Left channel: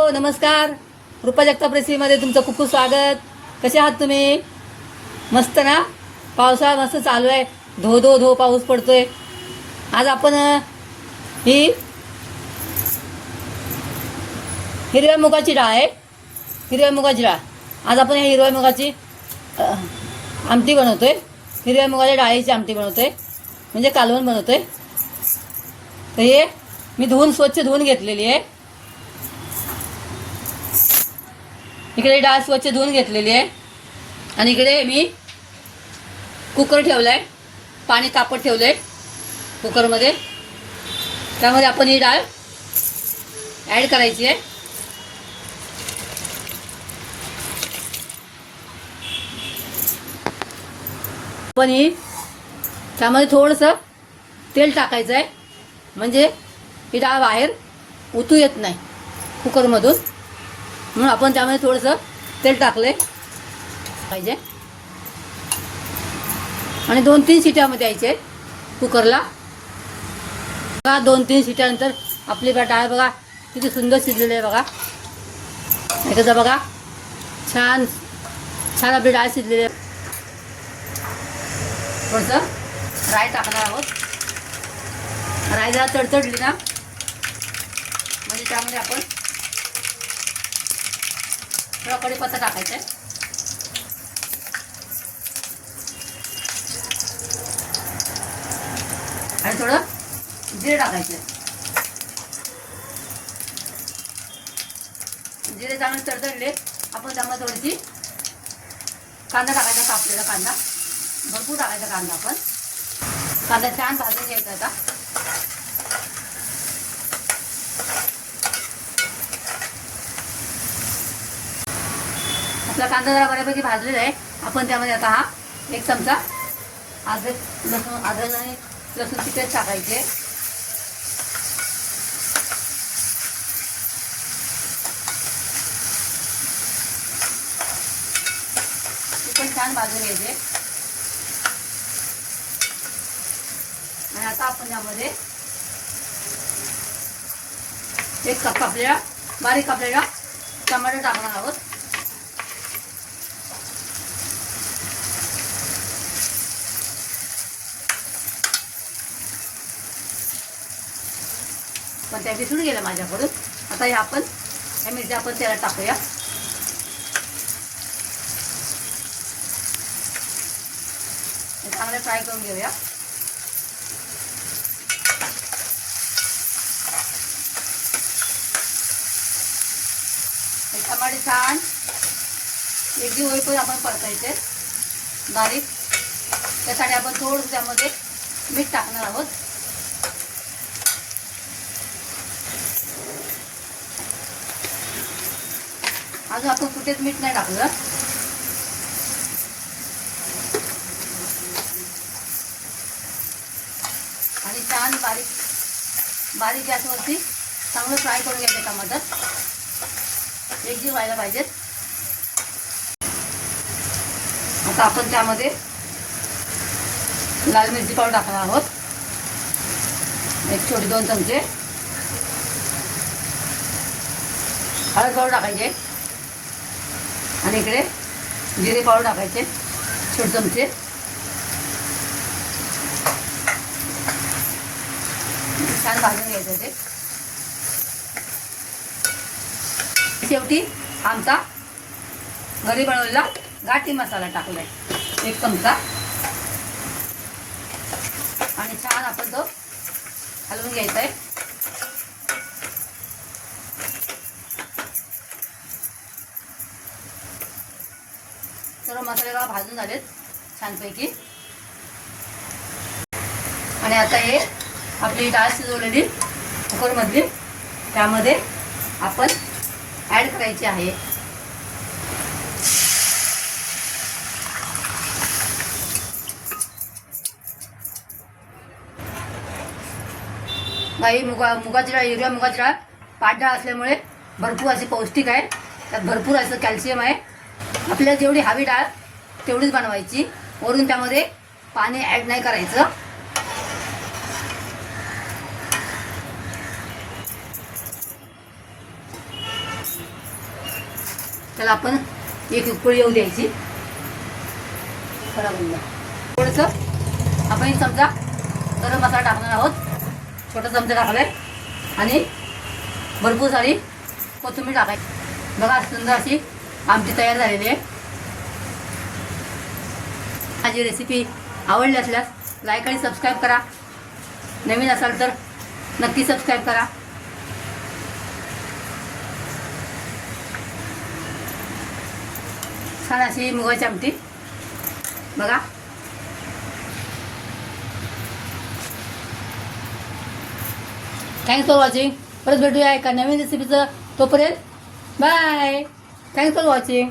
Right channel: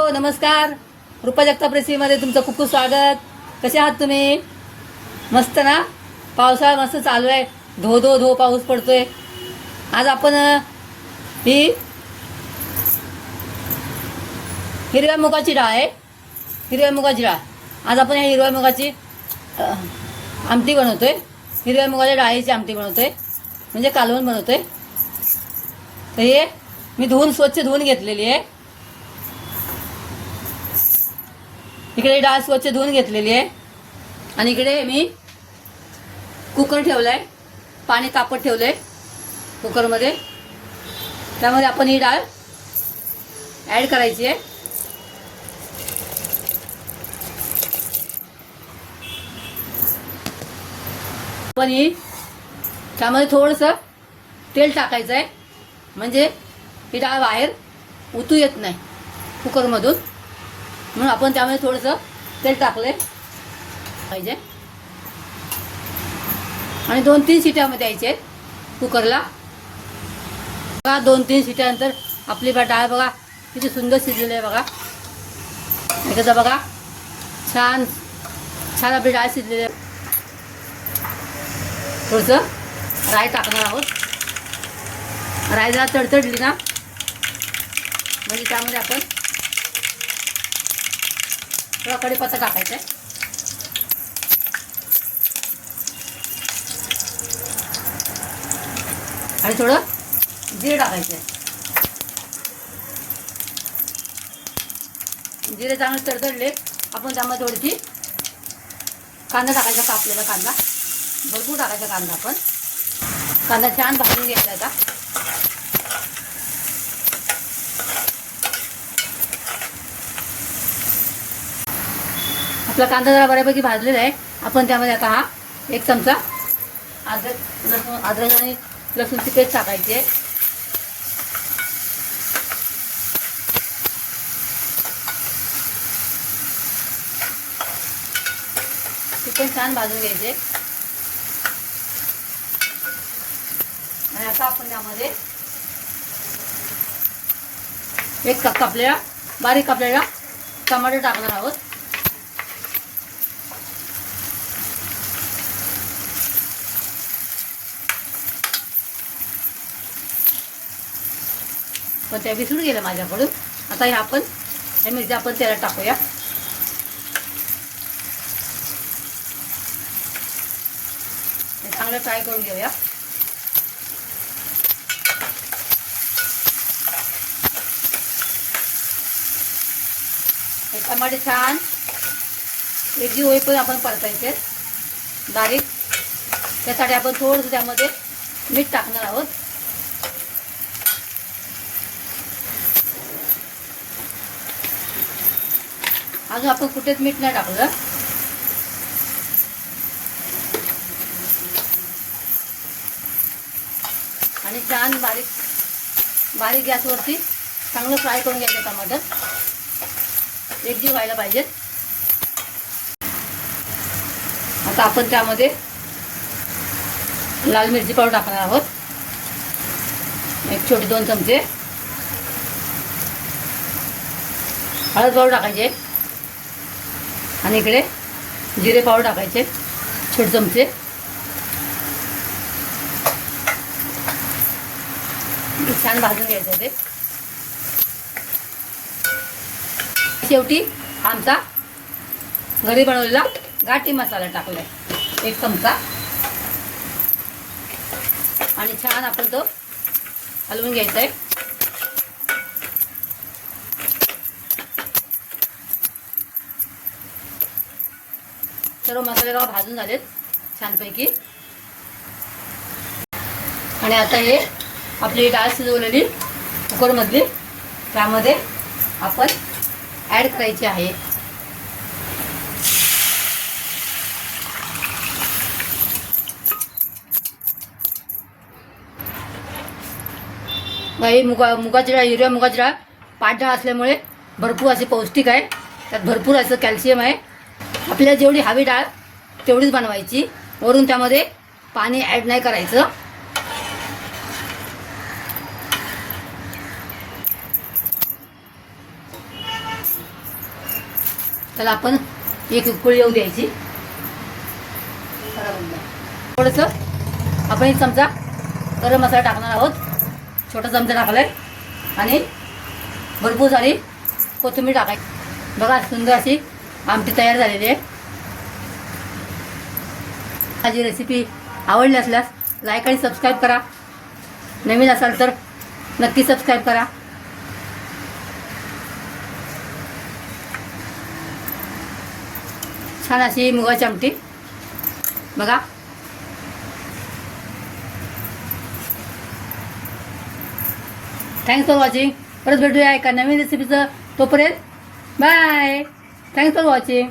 हो नमस्कार. रुपा जगताप रेसिपीमध्ये तुमचं खूप खूप स्वागत. कसे आहात तुम्ही? मस्त ना? पावसाळा मस्त चालू आहे. धो धो धो पाऊस पडतोय. आज आपण ही हिरव्या मुगाची डाळ आहे. हिरव्या मुगाची डाळ. आज आपण या हिरव्या मुगाची आमटी बनवतोय. हिरव्या मुगाच्या डाळीची आमटी बनवतोय. म्हणजे कालवण बनवतोय. तर हे मी धुवून स्वच्छ धुवून घेतलेली आहे. इकडे डाळ स्वच्छ धुवून घेतलेली आहे. आणि इकडे मी कुकर ठेवलाय. पाणी तापत ठेवलंय कुकरमध्ये. त्यामध्ये आपण ही डाळ ॲड करायची आहे. आपण ही त्यामध्ये थोडंसं तेल टाकायचं आहे म्हणजे ही डाळ बाहेर उतू येत नाही कुकरमधून. म्हणून आपण त्यामध्ये थोडंसं तेल टाकले पाहिजे. आणि दोन तीन शिट्यामध्ये द्यायचे कुकरला. बघा दोन तीन शिट्यानंतर आपली बा डाळ बघा किती सुंदर शिजलेली आहे बघा. त्याचा बघा छान छान आपली डाळ शिजलेली आहे. थोडंसं राय टाकणार आहोत. राय जरा तडतडली ना म्हणजे त्यामध्ये आपण थोडा कडीपत्ता टाकायचा आहे आणि थोडं जिरे टाकायचं जिरे चांगले तडतडले आपण त्यामध्ये थोडीशी कांदा टाकायचा कापलेला कांदा. भरपूर टाकायचा कांदा आपण. कांदा छान भाजून घ्यायचा आता. आपला कांदा जरा बऱ्यापैकी भाजलेला आहे. आपण त्यामध्ये आता हा एक चमचा अद्रक लसूण अद्रक आणि लसूणची पेस्ट टाकायची आहे. ती पण छान भाजून घ्यायचे. आणि आता आपण त्यामध्ये एक कप कापलेला बारीक कापलेला टमाटर टाकणार आहोत. पण त्या विसरून गेल्या माझ्याकडून. आता हे आपण त्या मिरच्या आपण त्याला टाकूया. चांगलं फ्राय करून घेऊया. टमाटे छान वेगळी होई पण आपण परतायचे. बारीक. त्यासाठी आपण थोडंसं त्यामध्ये मीठ टाकणार आहोत. अजून आपण कुठेच मीठ नाही टाकलं. आणि छान बारीक बारीक गॅसवरती चांगलं फ्राय करून घ्यायचं टमाटर. एकजीव व्हायला पाहिजेत आता आपण त्यामध्ये लाल मिरची पावडर टाकणार आहोत. एक छोटे दोन चमचे. हळद पावडर टाकायचे आणि इकडे जिरे पावडर टाकायचे छोटे चमचे. छान भाजून घ्यायचं ते. शेवटी आमचा घरी बनवलेला गाठी मसाला टाकलाय एक चमचा. आणि छान आपण तो हलवून घ्यायचा आहे सर्व मसाले बघा भाजून झालेत छानपैकी. आणि आता हे आपली डाळ शिजवलेली कुकरमधली त्यामध्ये आपण ॲड करायची आहे. काही मुगा मुगाची डाळ हिरव्या मुगाची डाळ पाठ डाळ असल्यामुळे भरपूर असे पौष्टिक आहे. त्यात भरपूर असं कॅल्शियम आहे. आपल्याला जेवढी हवी डाळ तेवढीच बनवायची. वरून त्यामध्ये पाणी ॲड नाही करायचं. त्याला आपण एक उकळी येऊन घ्यायची. बरोबर थोडंसं आपण एक चमचा गरम मसाला टाकणार आहोत. छोटा चमचा टाकलाय. आणि भरपूर सारी कोथिंबीर टाकायची. बघा सुंदर अशी आमटी तयार झालेली आहे. माझी रेसिपी आवडली असल्यास लाईक आणि सबस्क्राईब करा. नवीन असाल तर नक्की सबस्क्राईब करा. छान अशी मुगाची आमटी. बघा. थँक्स फॉर वॉचिंग परत भेटूया एका नवीन रेसिपीचं तोपर्यंत बाय थँक्स फॉर वॉचिंग